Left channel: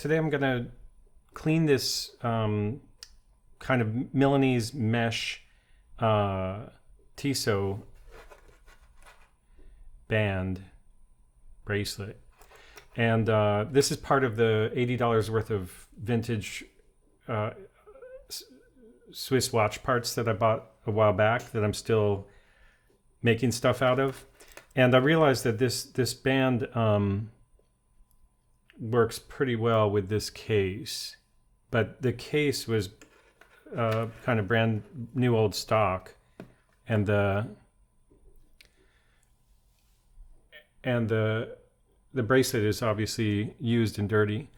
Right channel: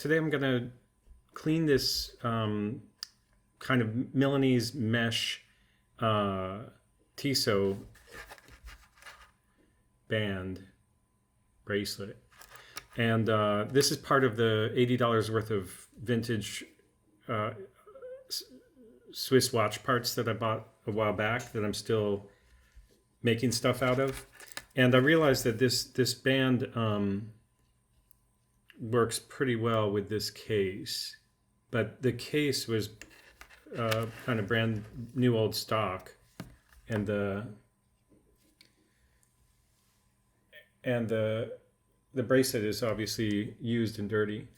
today I'm going to clean this kind of Milanese Mesh Tissot band bracelet. And this is part of the $80 worth of vintage Swiss watch parts that I bought a while back that I'm still making stuff out of. And I realized that this band works pretty well with this case, but the case was kind of brand new old stock, and the bracelet is obviously used and dirty.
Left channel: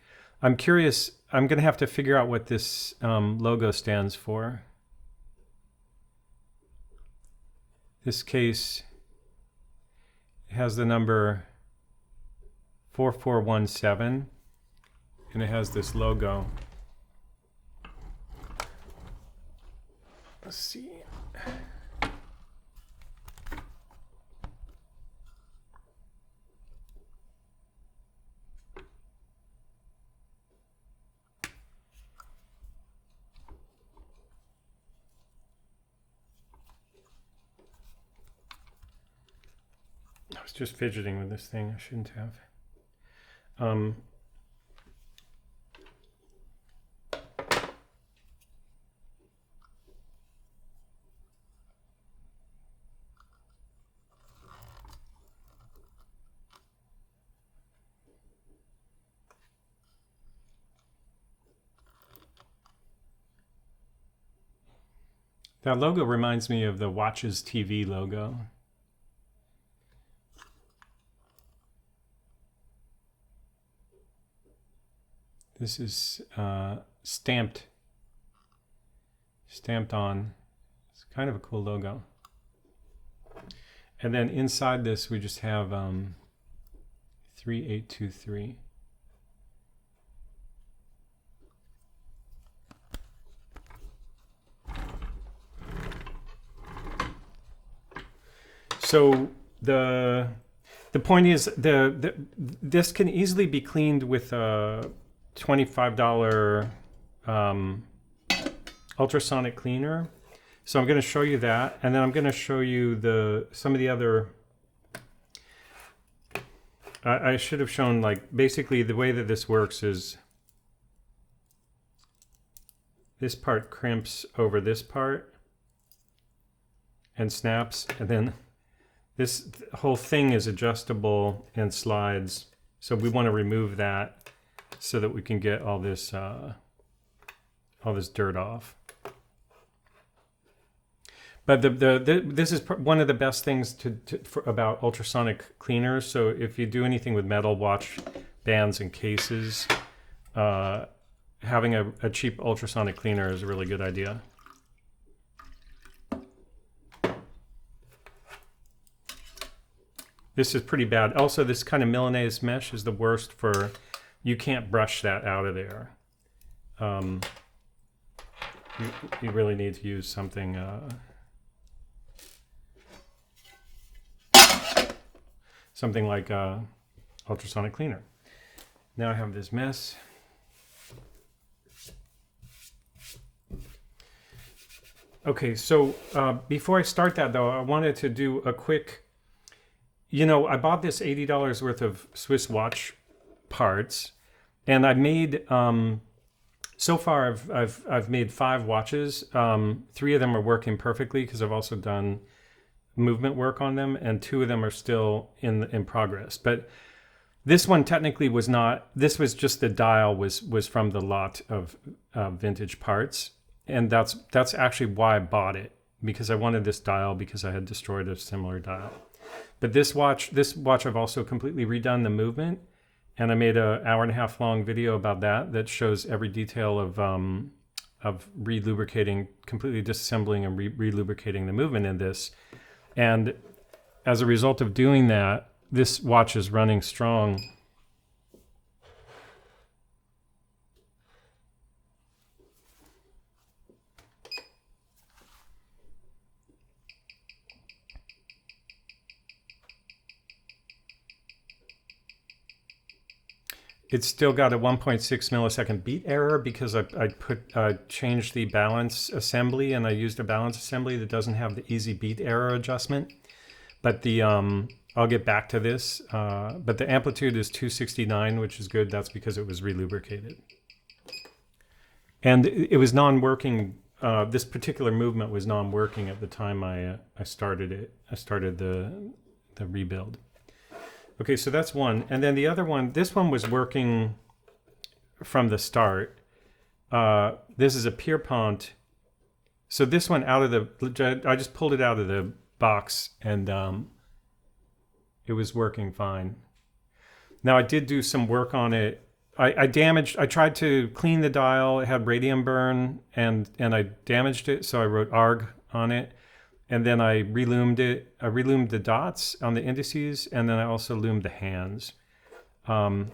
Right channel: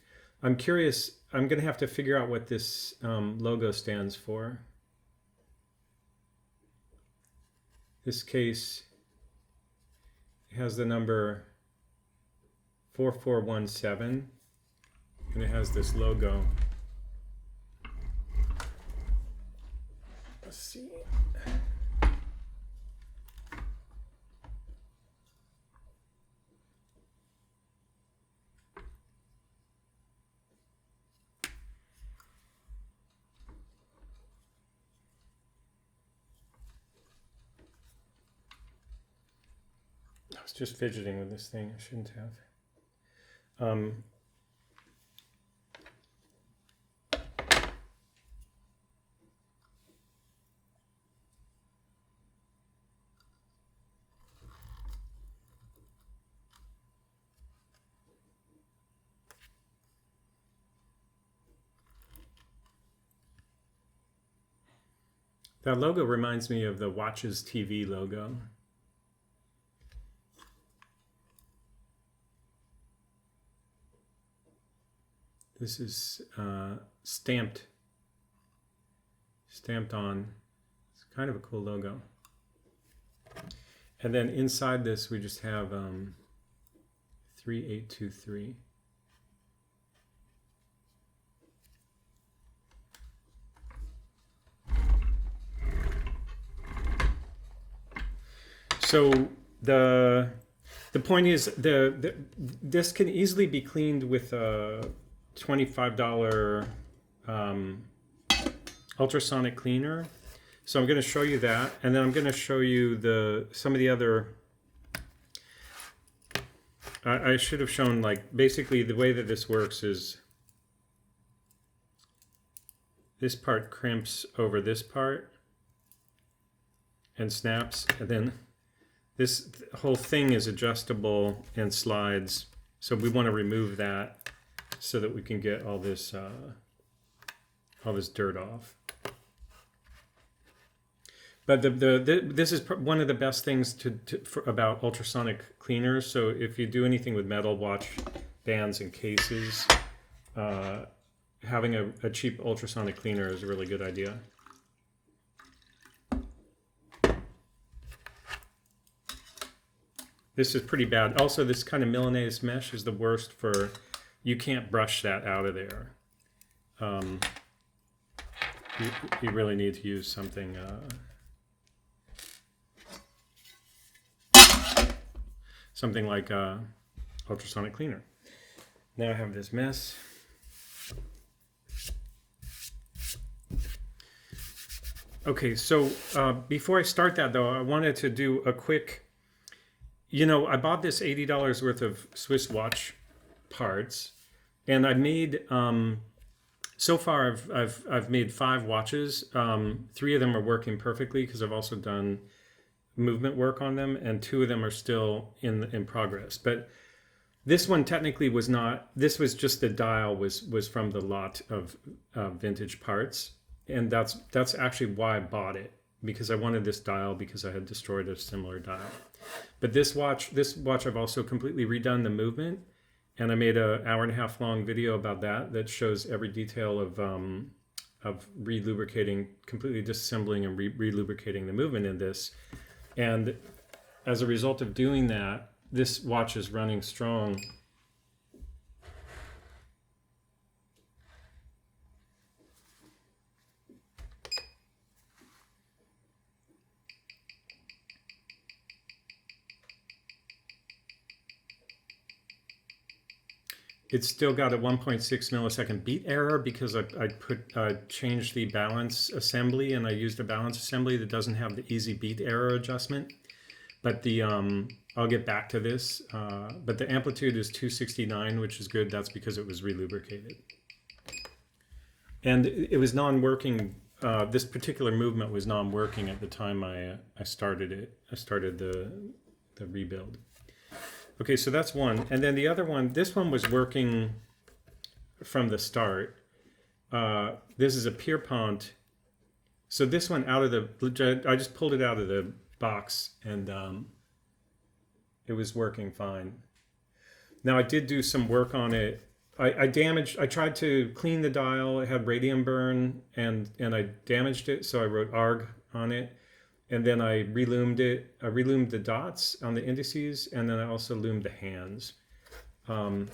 I'm curious, I'm gonna have to figure out what this logo stands for. This case has the number 4417, and it has this logo. Let's see. I was just fidgeting with this thing. I shouldn't have. That logo reminds me of the Watches TV logo. This is stamped on. It's kind of a cool logo. And then inside this we just have 3823. So the point is this can easily be cleaned with a $25 ultrasonic cleaner. So I'm going to show you that, and then I'm going to show you some of the other. I should have shown, like, basically the way that this works is this part crimps over this part and snaps, and then this whole thing is adjustable and slides. So we want to remove that so that we can get all this dirt off. But this is one of the best things about ultrasonic cleaners. So if you do anything with metal watch bands and cases, having a cheap ultrasonic cleaner is a really good idea. This is pretty bad. Also, this kind of Milanese mesh is the worst for, you can't brush that out of there. You really need to use something something like ultrasonic cleaner. Now I have this mess. Okay, so before I start that though, I wanted to do a quick, I bought this $80 worth of Swiss watch parts, and I made, so far I've made 5 watches. 3 of them are working perfectly because I've also done movement work on them, and 2 of them are still in progress. But this one technically was not. This was just the dial was from the lot of vintage parts, and that's actually why I bought it, because I wanted this dial because I had destroyed a similar dial. But this watch I've also completely redone the movement, and I made an 1.5 hour long video about that shows every detail of re-lubricating, completely disassembling and re-lubricating the movement in this. And as a result of doing that, this watch is running strong. it's still got a 1.6 millisecond beat error because I changed the balance assembly, and I used a balance assembly that doesn't have the easy beat error adjustment. But the I'll get back to this. But the amplitude is 269, which is good. That's because it was relubricated. And it was non-working. This particular movement was non-working at the time I started it. I started the rebuild. Okay, so that's one. And then the other one, this one was working from the start. This is a Pierpont. So this one out of the, I just pulled it out of the box, and it was working fine. Now I did do some work on it. I tried to clean the dial. It had radium burn, and I damaged it, so I wrote ARGH on it. And then I reloomed it. I reloomed the dots on the indices, and then I also loomed the hands. So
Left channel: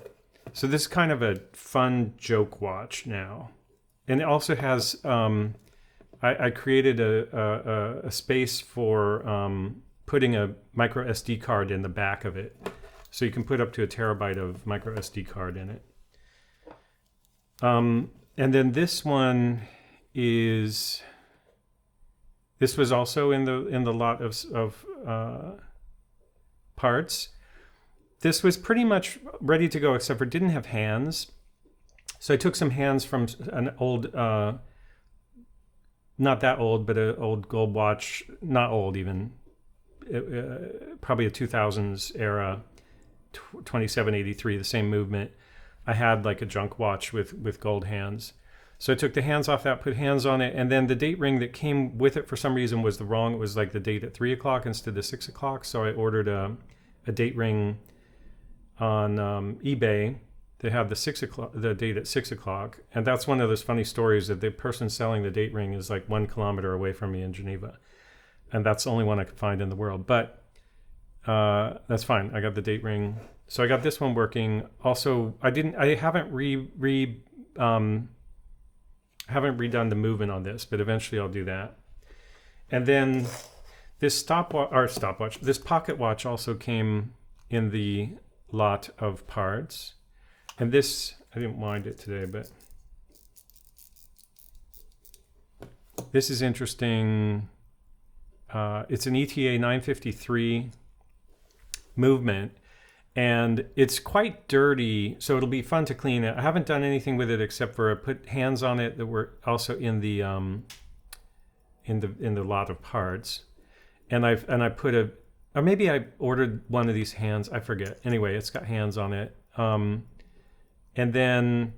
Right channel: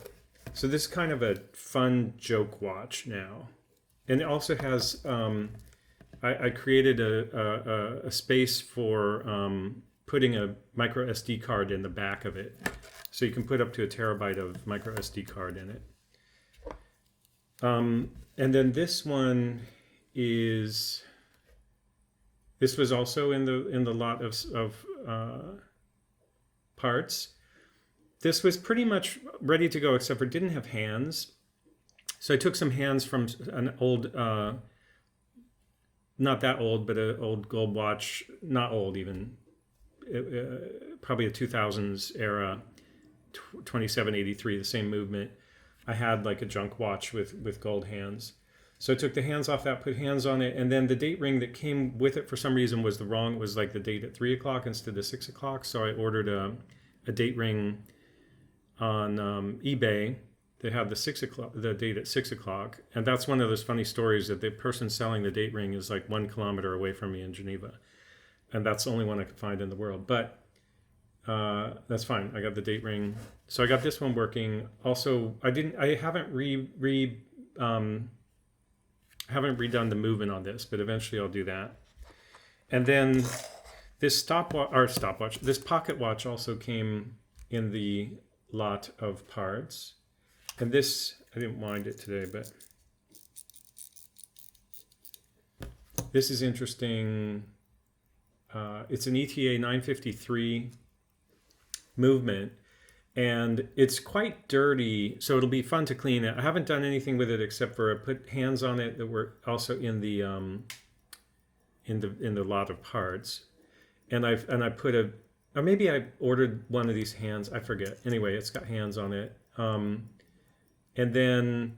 this is kind of a fun joke watch now. And it also has, I created a space for putting a MicroSD card in the back of it. So you can put up to 1 terabyte of MicroSD card in it. And then this one is, this was also in the lot of parts. This was pretty much ready to go, except for it didn't have hands. So I took some hands from an old, not that old, but an old gold watch, not old even, probably a 2000s era, 2783, the same movement. I had like a junk watch with gold hands. So I took the hands off that, put hands on it, and then the date ring that came with it for some reason was the wrong. It was like the date at 3 o'clock instead of 6 o'clock. So I ordered a date ring on eBay that had the date at 6 o'clock. And that's one of those funny stories that the person selling the date ring is like 1 kilometer away from me in Geneva. And that's the only one I could find in the world. But that's fine. I got the date ring. So I got this one working. Also, I haven't redone the movement on this, but eventually I'll do that. And then this this pocket watch also came in the lot of parts. And this, I didn't wind it today, but this is interesting. It's an ETA 953 movement, and it's quite dirty, so it'll be fun to clean it. I haven't done anything with it except for I put hands on it that were also in the lot of parts, and I put or maybe I ordered one of these hands. I forget. Anyway, it's got hands on it, and then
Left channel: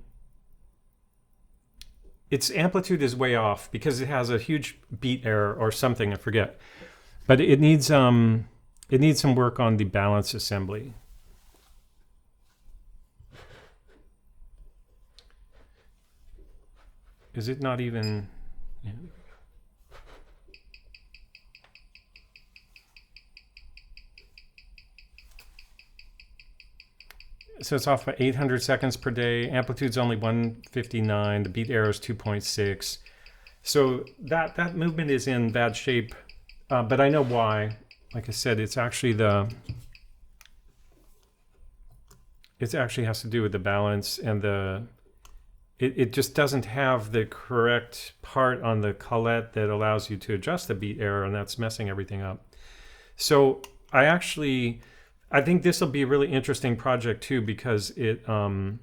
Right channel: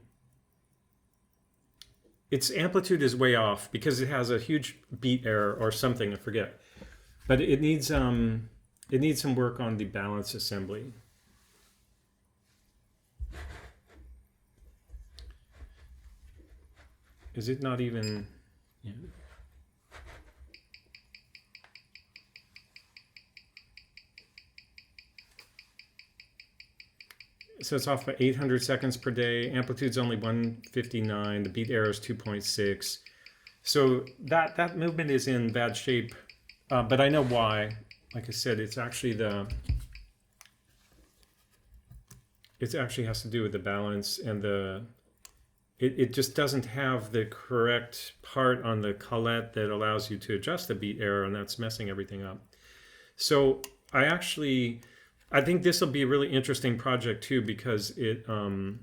its amplitude is way off because it has a huge beat error or something. I forget, but it needs some work on the balance assembly. Is it not even? Yeah. So it's off by 800 seconds per day. Amplitude's only 159. The beat error is 2.6. So that movement is in bad shape, but I know why. Like I said, it actually has to do with the balance, and it just doesn't have the correct part on the collet that allows you to adjust the beat error, and that's messing everything up. So I think this will be a really interesting project too, because I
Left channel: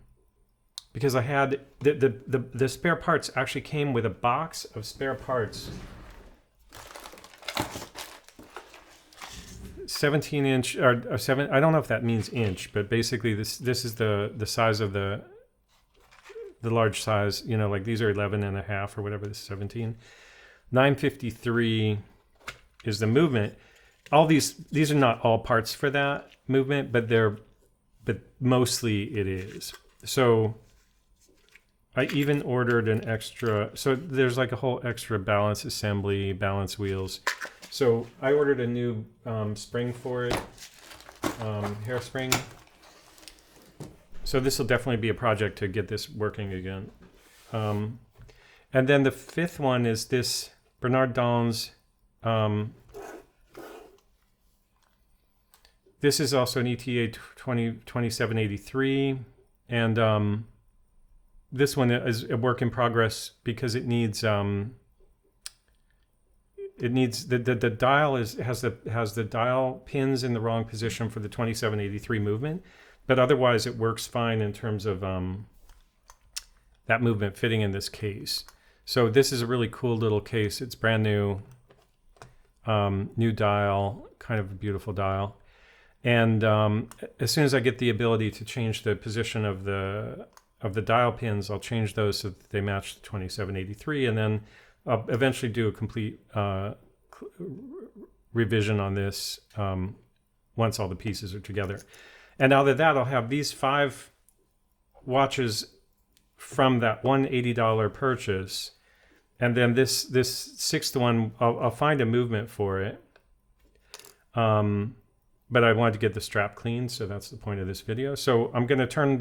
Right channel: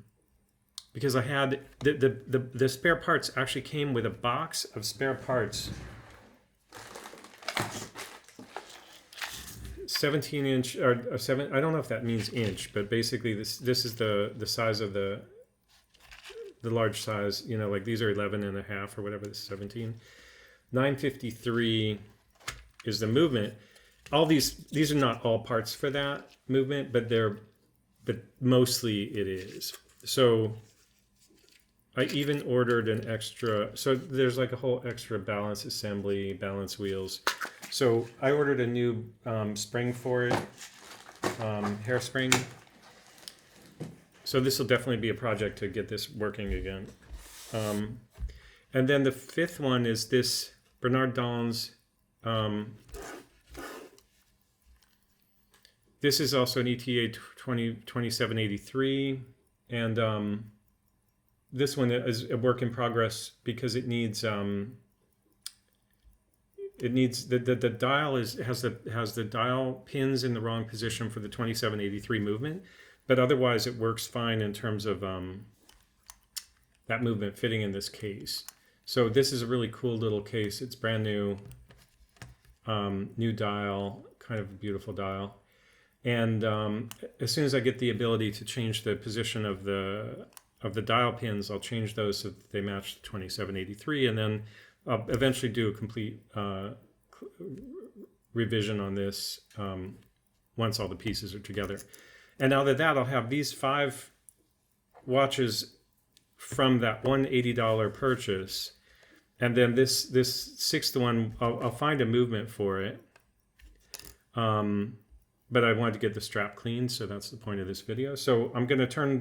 had the spare parts actually came with a box of spare parts. 17-inch or 7. I don't know if that means inch, but basically this is the size of the large size. You know, like these are 11.5 or whatever. This is 17. 953 is the movement. All these are not all parts for that movement, but mostly it is. So I even ordered an extra. So there's like a whole extra balance assembly, balance wheels. So I ordered a new spring for it, hairspring. So this will definitely be a project to get this working again. And then the fifth one is this Bernard Donze. This is also an ETA 2783. And this one is a work in progress because it needs the dial has the dial pins in the wrong position for the 2783 movement, but otherwise it works fine in terms of that movement fitting in this case. So this is a really cool little case. It's brand new, new dial, kind of a beautiful dial. And as soon as I get the ability to change the position of the dial pins, I'll change those so that they match the 2783, and then I'll eventually do a complete revision on this once all the pieces are together. And out of that, I'll have these 5 watches from that $180 purchase, and then this 6th one, I'll find a movement for it. But I wanted to get the strap clean, so that's the point of this video. So I'm going to turn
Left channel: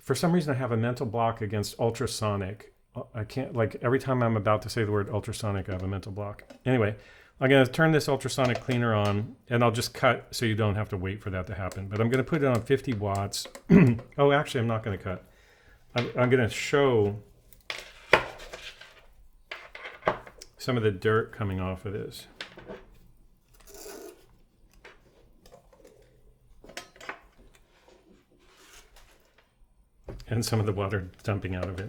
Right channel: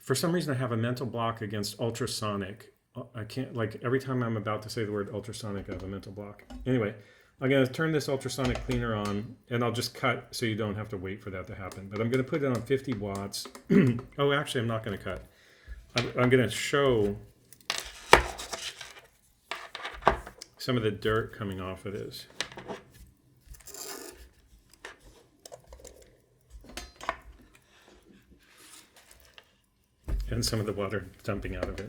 for some reason I have a mental block against ultrasonic. I can't, like, every time I'm about to say the word ultrasonic, I have a mental block. Anyway, I'm going to turn this ultrasonic cleaner on, and I'll just cut so you don't have to wait for that to happen. But I'm going to put it on 50 watts. Oh, actually, I'm not going to cut. I'm going to show some of the dirt coming off of this. And some of the water dumping out of it.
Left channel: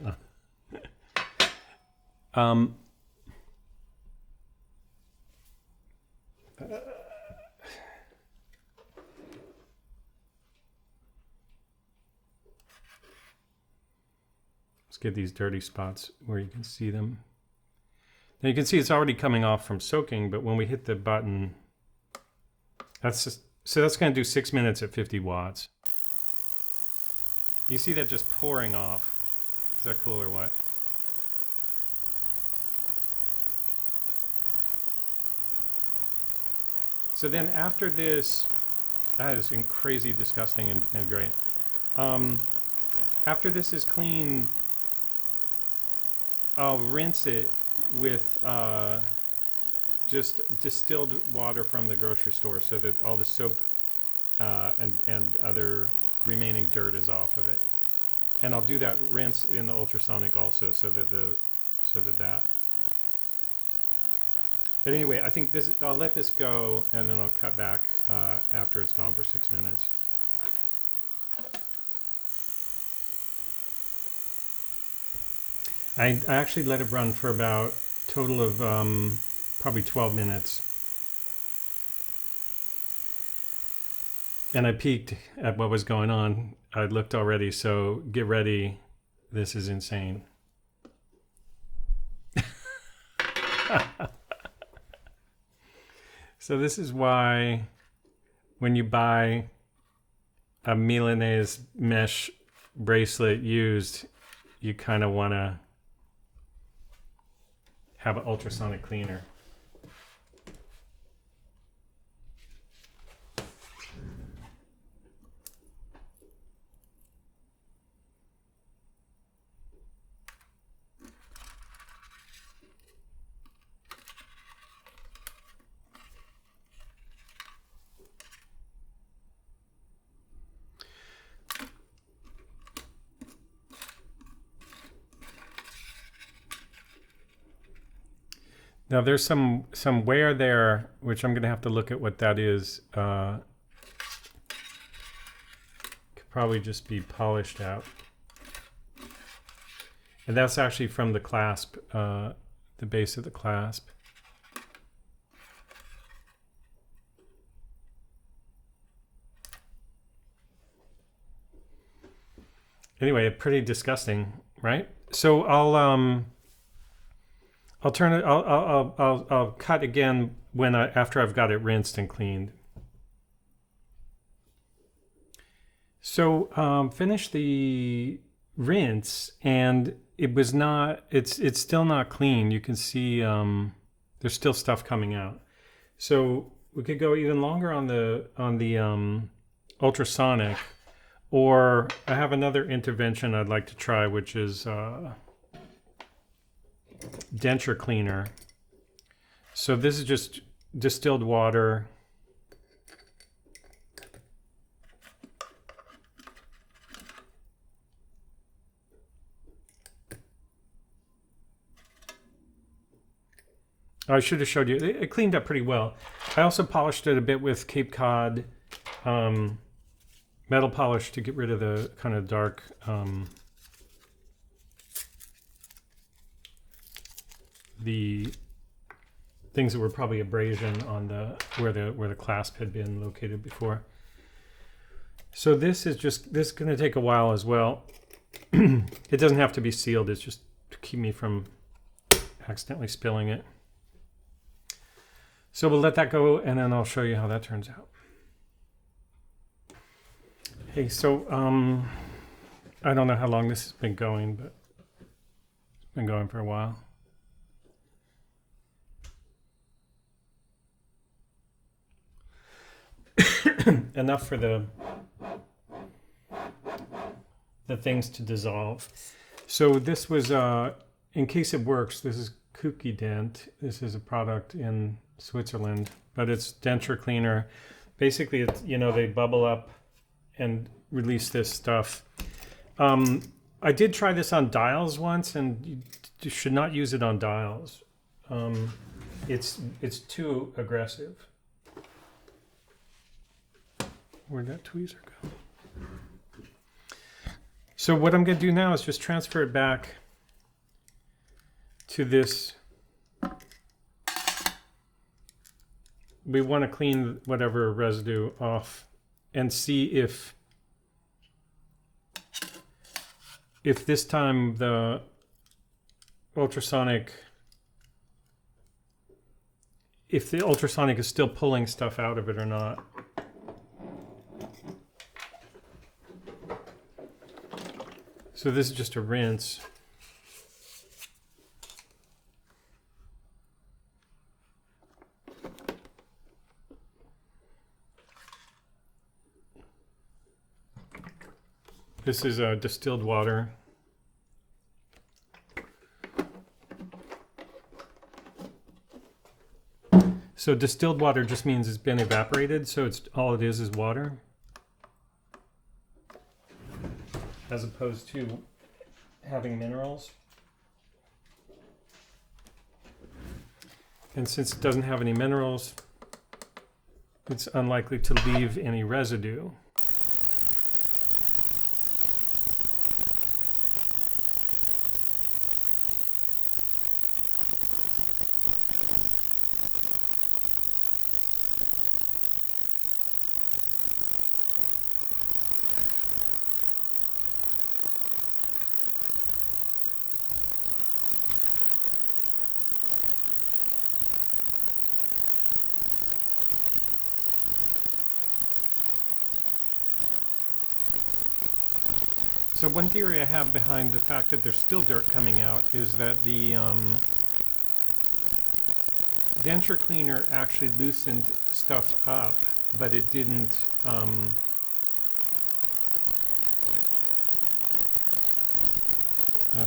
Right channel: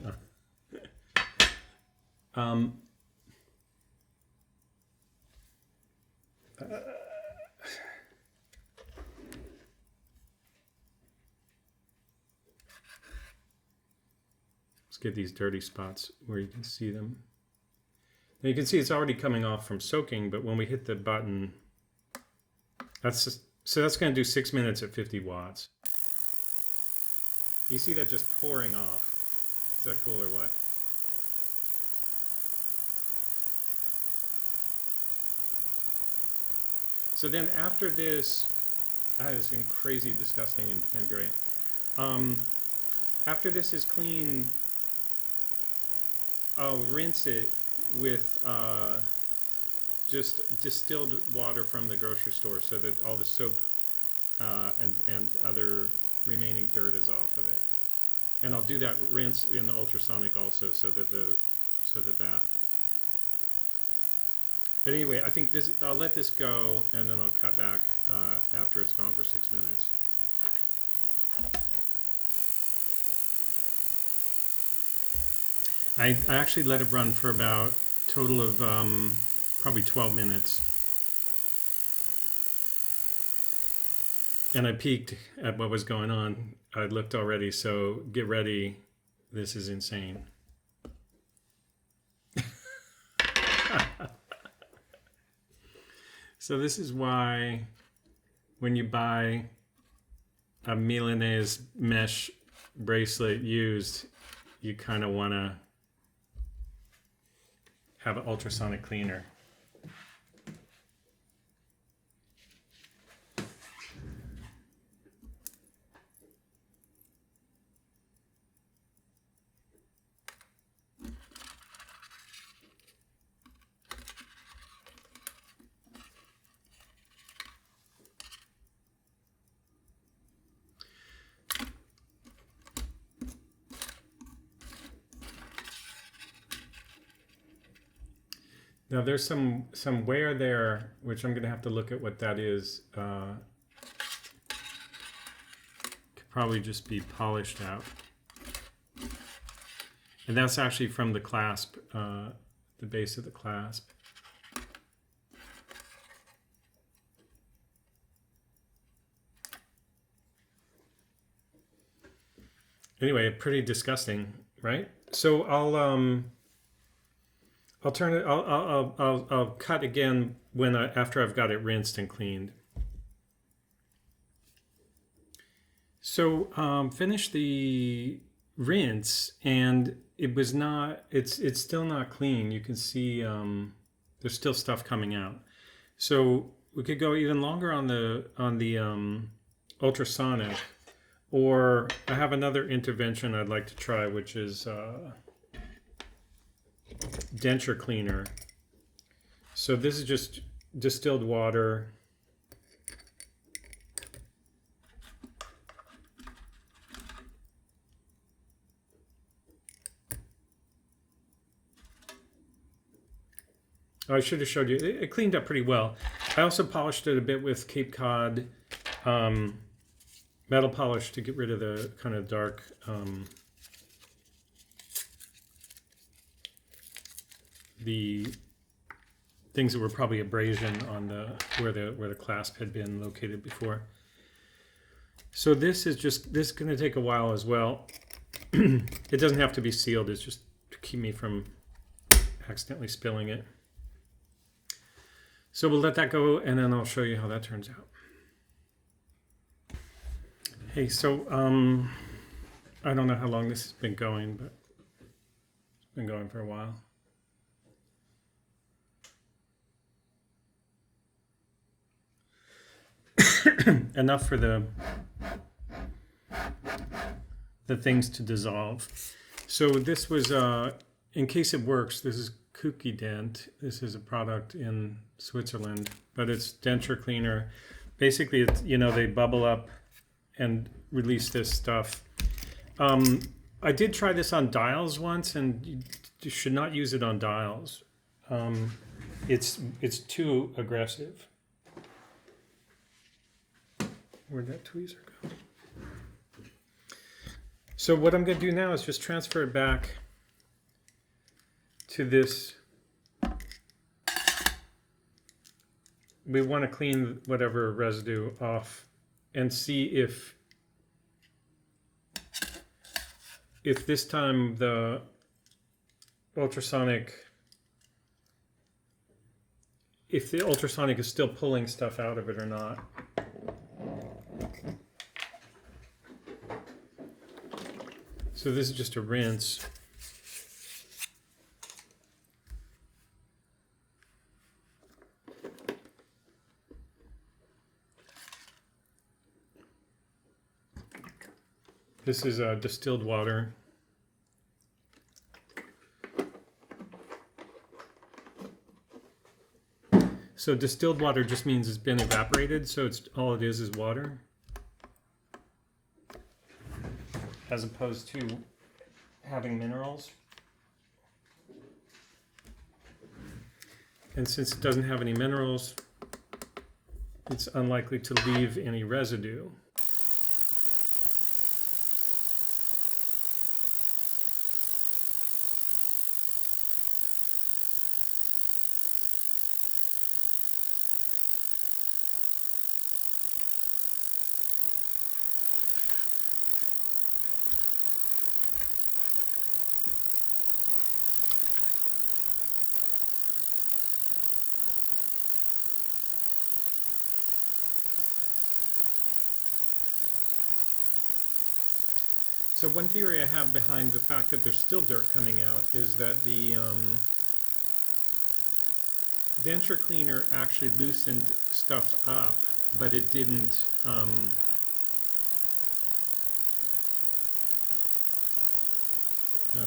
Let's get these dirty spots where you can see them. Now you can see it's already coming off from soaking, but when we hit the button, that's going to do 6 minutes at 50 watts. You see that just pouring off. Is that cool or what? So then after this, that is crazy disgusting and great. After this is clean, I'll rinse it with just distilled water from the grocery store so that all the soap and other remaining dirt is off of it. And I'll do that rinse in the ultrasonic also so that. But anyway, I think I'll let this go, and then I'll cut back after it's gone for 6 minutes. I actually let it run for about a total of probably 12 minutes. And I peeked at what was going on. I looked already, so get ready. This is insane. So this is why when you buy a Milanese Mesh bracelet used, you kind of want to have an ultrasonic cleaner. Now there's some wear there, which I'm going to have to look at what that is. Could probably just be polished out. And that's actually from the clasp, the base of the clasp. Anyway, pretty disgusting, right? So I'll turn it. I'll cut again when after I've got it rinsed and cleaned. So finish the rinse, and it was not. It's still not clean. You can see there's still stuff coming out. So we could go even longer on the ultrasonic, or I have another intervention I'd like to try, which is denture cleaner. So this is just distilled water I should have showed you. It cleaned up pretty well. I also polished it a bit with Cape Cod metal polish to get rid of the kind of dark the things that were probably abrasion on the where the clasp had been located before. So this is going to take a while as well. It doesn't have to be sealed. It's just to keep me from accidentally spilling it. So we'll let that go, and then I'll show you how that turns out. Hey, so I don't know how long this has been going, but it's been going for a while. Enough for the things to dissolve. So this was, in case it works, this is Kukident. This is a product in Switzerland, but it's denture cleaner. Basically, it's, you know, they bubble up and release this stuff. I did try this on dials once, and you should not use it on dials. It's too aggressive. Where'd that tweezer go? So what I'm going to do now is just transfer it back to this. We want to clean whatever residue off and see if this time the ultrasonic, if the ultrasonic is still pulling stuff out of it or not. So this is just a rinse. This is distilled water. So distilled water just means it's been evaporated, so it's all it is water, as opposed to having minerals. And since it doesn't have any minerals, it's unlikely to leave any residue. So one theory I have behind the fact that there's still dirt coming out is that the denture cleaner actually loosened stuff up, but it didn't. I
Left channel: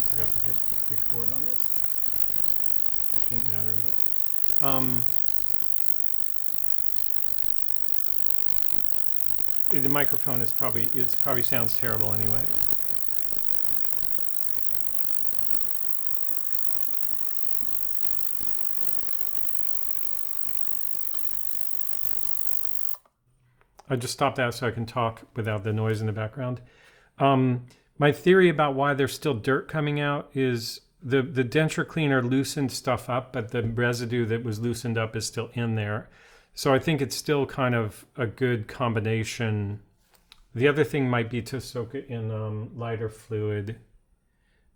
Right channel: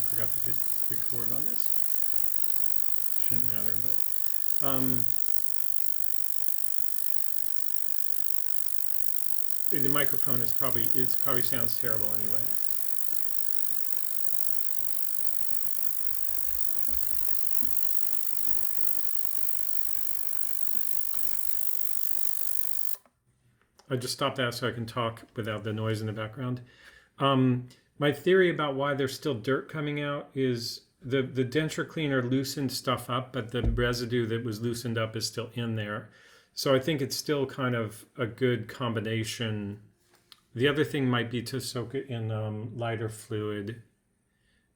forgot to hit record on this. Shouldn't matter, but the microphone is probably sounds terrible anyway. I just stopped that so I can talk without the noise in the background. My theory about why there's still dirt coming out is the denture cleaner loosened stuff up, but the residue that was loosened up is still in there. So I think it's still kind of a good combination. The other thing might be to soak it in lighter fluid.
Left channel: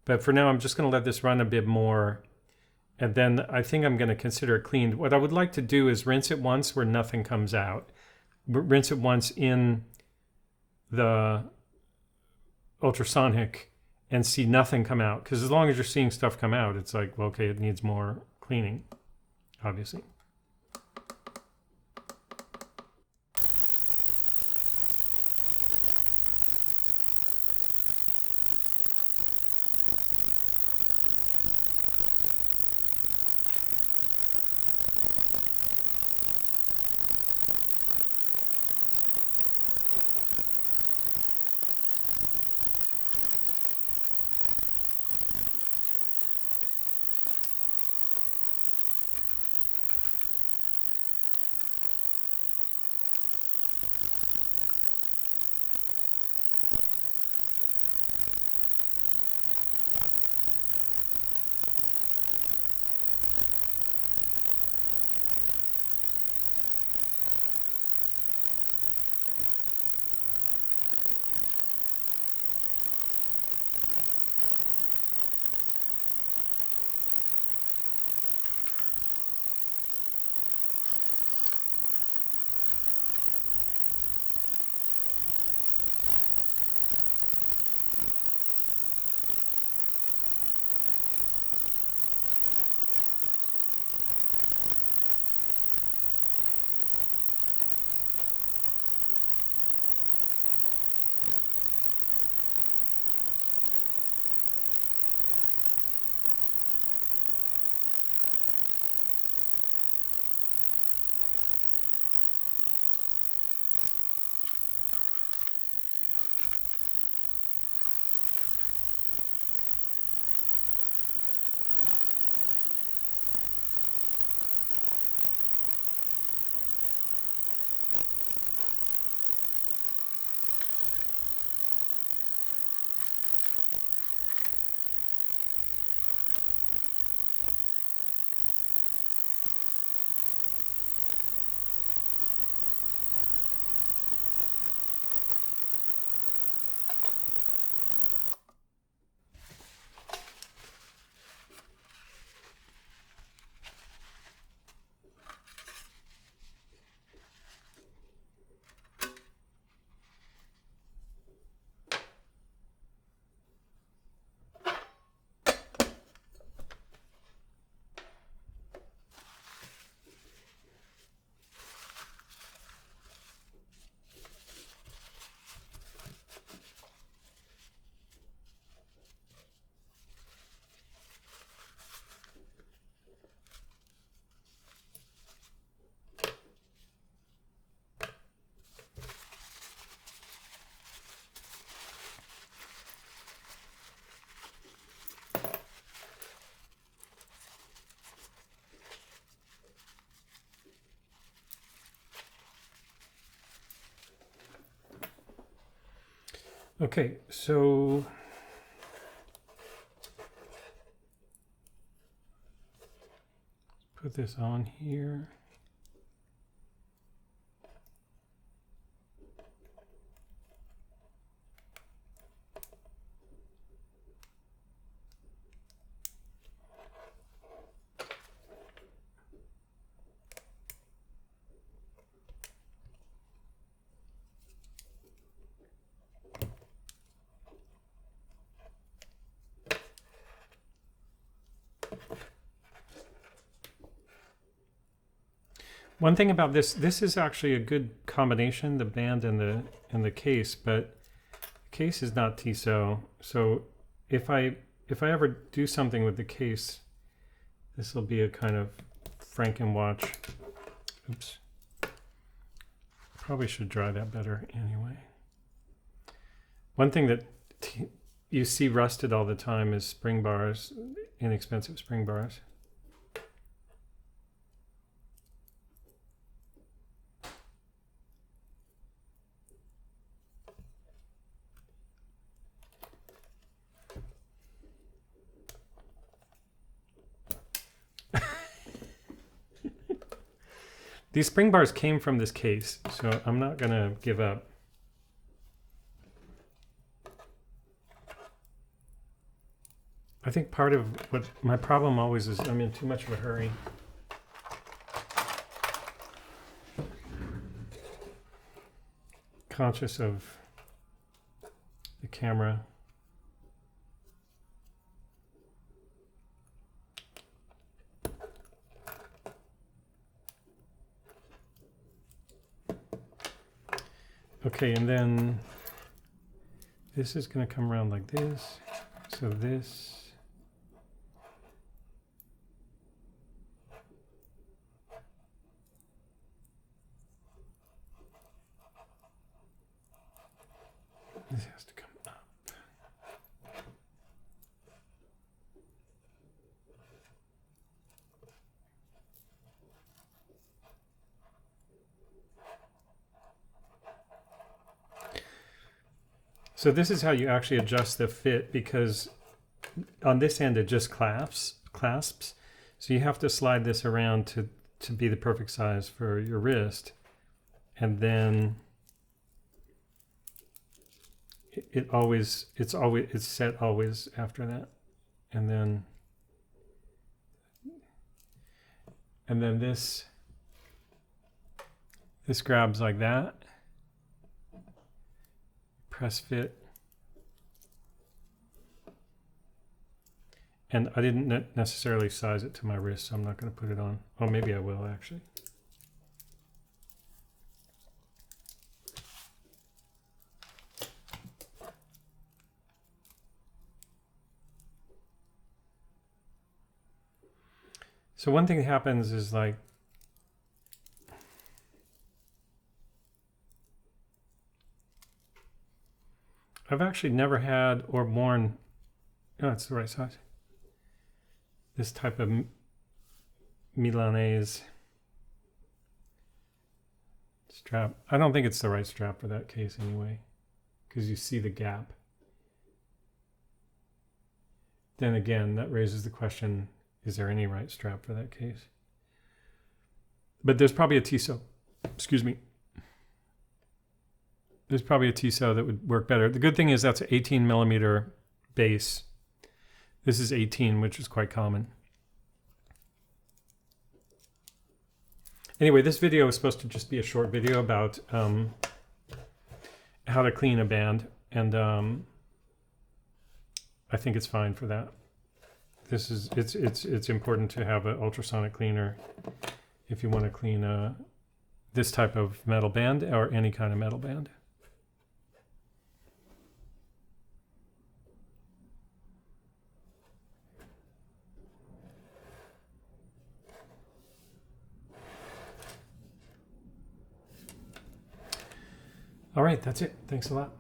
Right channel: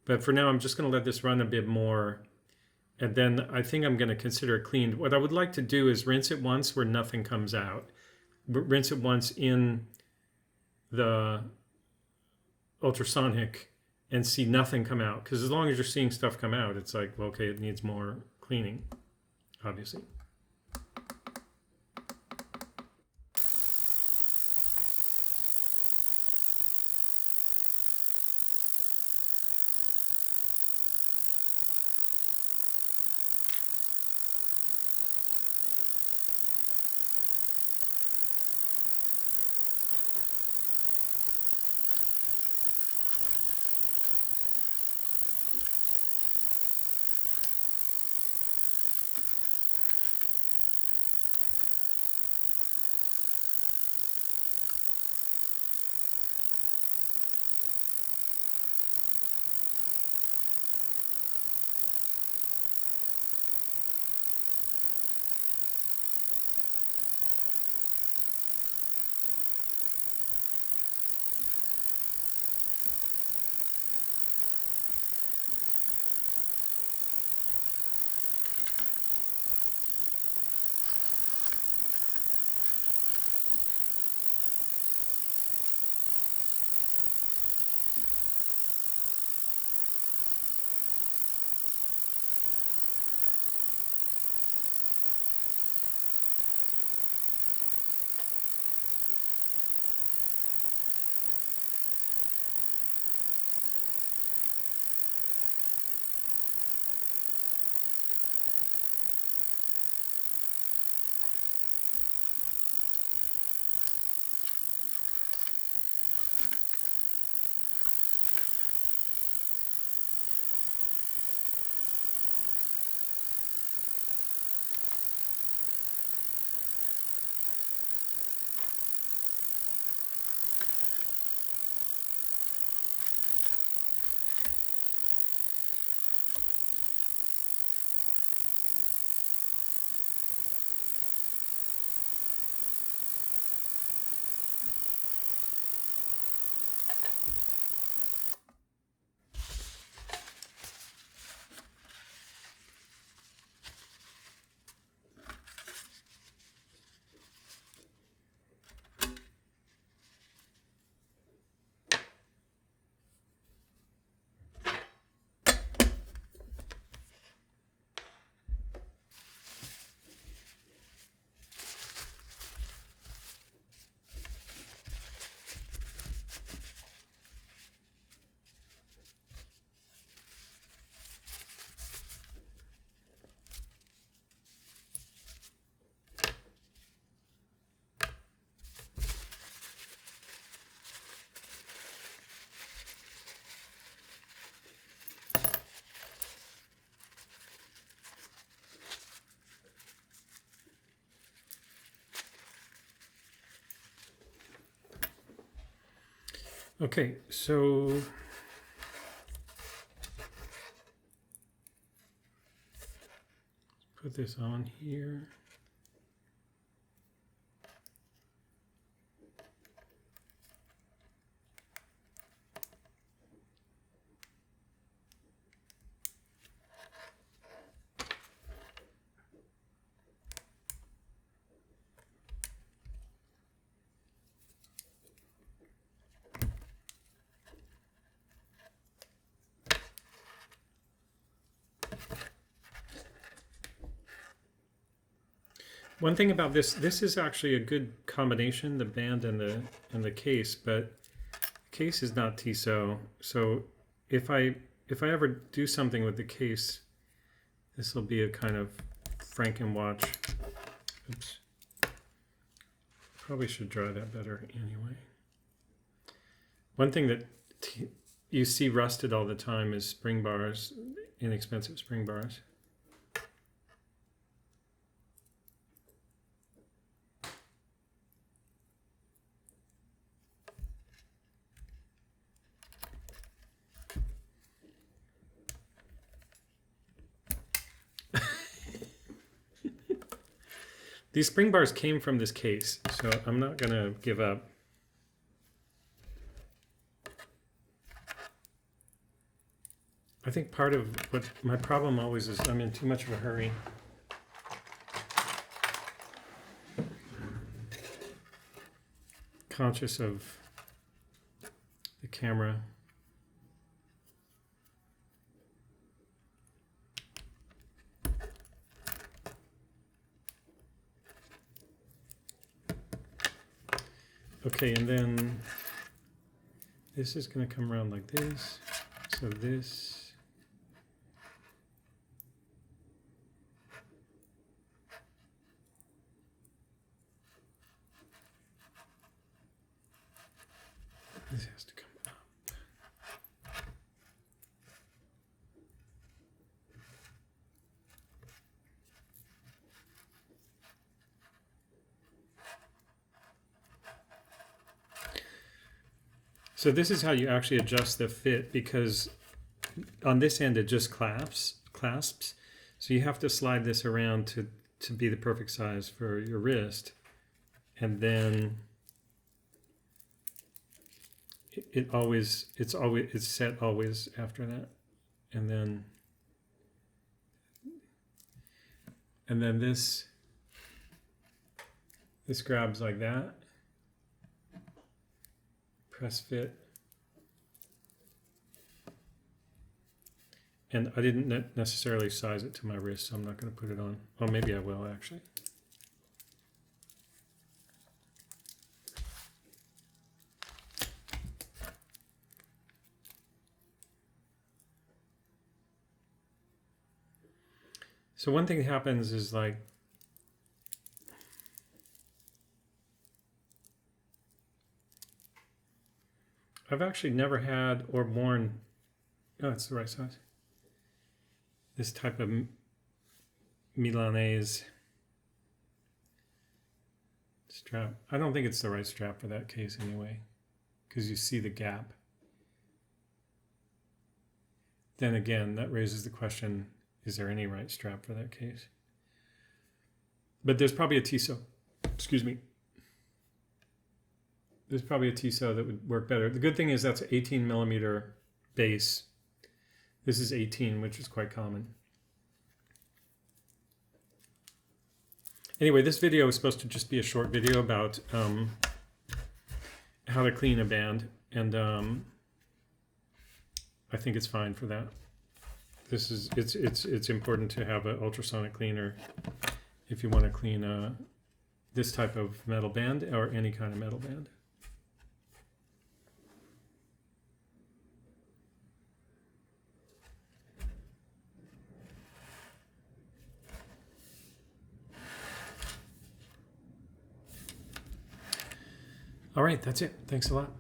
But for now, I'm just going to let this run a bit more. And then I think I'm going to consider it cleaned. What I would like to do is rinse it once where nothing comes out. Rinse it once in the ultrasonic and see nothing come out. Because as long as you're seeing stuff come out, it's like, well, okay, it needs more cleaning, obviously. Okay, so put this on here. One thing about this is actually a good combination, the band and the case, but the case is not Tissot. So if I ever do something with the case, this will be a kind of Frankenwatch. Oops. Probably should dry that better anyway. One thing that you see rusted all the time is spring bars, inexpensive spring bars. These spring bars came from this case, so I'm not going to give up. I think part of what my problem always is I'm in too much of a hurry. Conscious of the camera. Okay, and then this is going to come around like this. So this. This has to come up. So this is how you actually adjust the fit, because on this end it just clasps. So you have to slide this around to be the perfect size for your wrist. And then it's set always after that. And then this grabs like that. Press fit. And I didn't necessarily size it to my wrist, so I'm not going to put it on. Oh, maybe I will actually. So one thing that happens is like, I've actually never had or worn, oh, it's the right size, this type of Milanese strap. I don't think it's the right strap for that case anyway, because you see the gap. Then again, that raises the question, is there any right strap for that case? But there's probably a Tissot, excuse me. There's probably a Tissot that would work better. The good thing is that's an 18 millimeter base. This is 18, which is quite common. Anyway, this video is supposed to just be a short video about how to clean a band, and I think it's fine for that. It's important to have an ultrasonic cleaner if you want to clean this type of metal band or any kind of metal band. All right, that's it. Thanks a lot.